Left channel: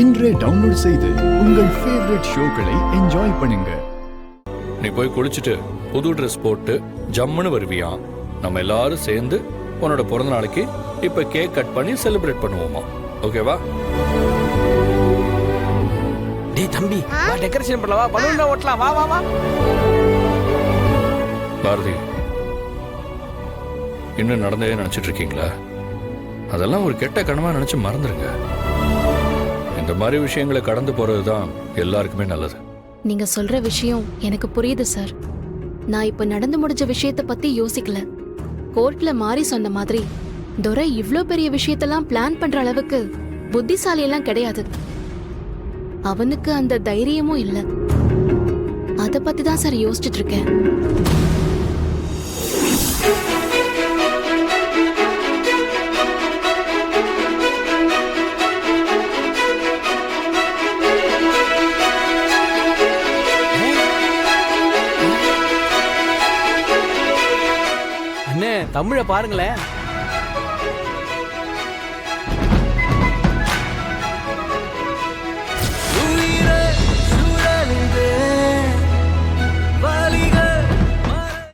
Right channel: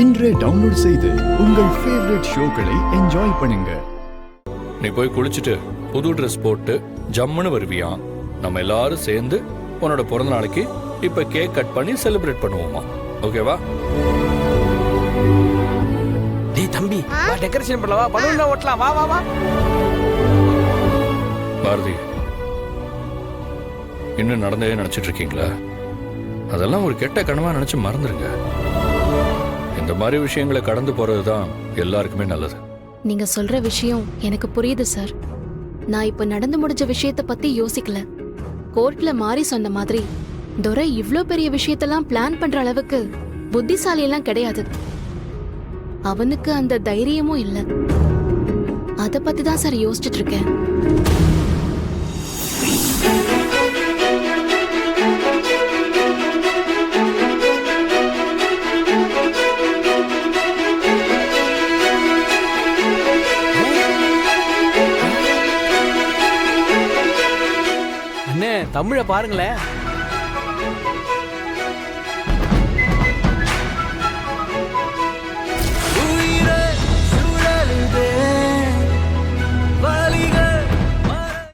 இன்றே டவுன்லோட் செய்து உங்கள் ஃபேவரட் ஷோக்களை என்ஜாய் பண்ணுங்க. நீ போய் குளிச்சுட்டு புது ட்ரெஸ் போட்டு ஜம்முன்னு வருவியா? நம்ம எல்லாரும் சேர்ந்து உன்னோட பிறந்த நாளைக்கு இப்ப கேக் கட் பண்ணி செலிப்ரேட் பண்ணுவோமா? ஓகேவா? டேய் தம்பி, வா டெக்கரேஷன் பண்ணலாம், வா பலூன்ல ஓட்டலாம், வா வா வா. பாரதி, இன்னும் நடந்தே நினைச்சிட்டு இருக்கீங்களா? அதெல்லாம் ஒரு கெட்ட கனவா நினைச்சு மறந்துருங்க. இந்த மாதிரி விஷயங்களை கடந்து போறதுதான் எல்லாருக்குமே நல்லது. நீங்க சொல்ற விஷயம் எனக்கு புரியுது சார். நான் இப்ப நடந்து முடிஞ்ச விஷயத்த பத்தி யோசிக்கல. கோர்ட்ல மாறி சொன்ன மாதிரி துரை இவ்ளோ பெரிய விஷயத்தெல்லாம் பிளான் பண்ற அளவுக்கு புத்திசாலி எல்லாம் கிடையாது. அவனுக்கு அந்த தைரியமும் இல்ல. அத பத்தி தான் சார் யோசிச்சுட்டு இருக்கேன். அண்ணே தமிழை பாருங்களேன்.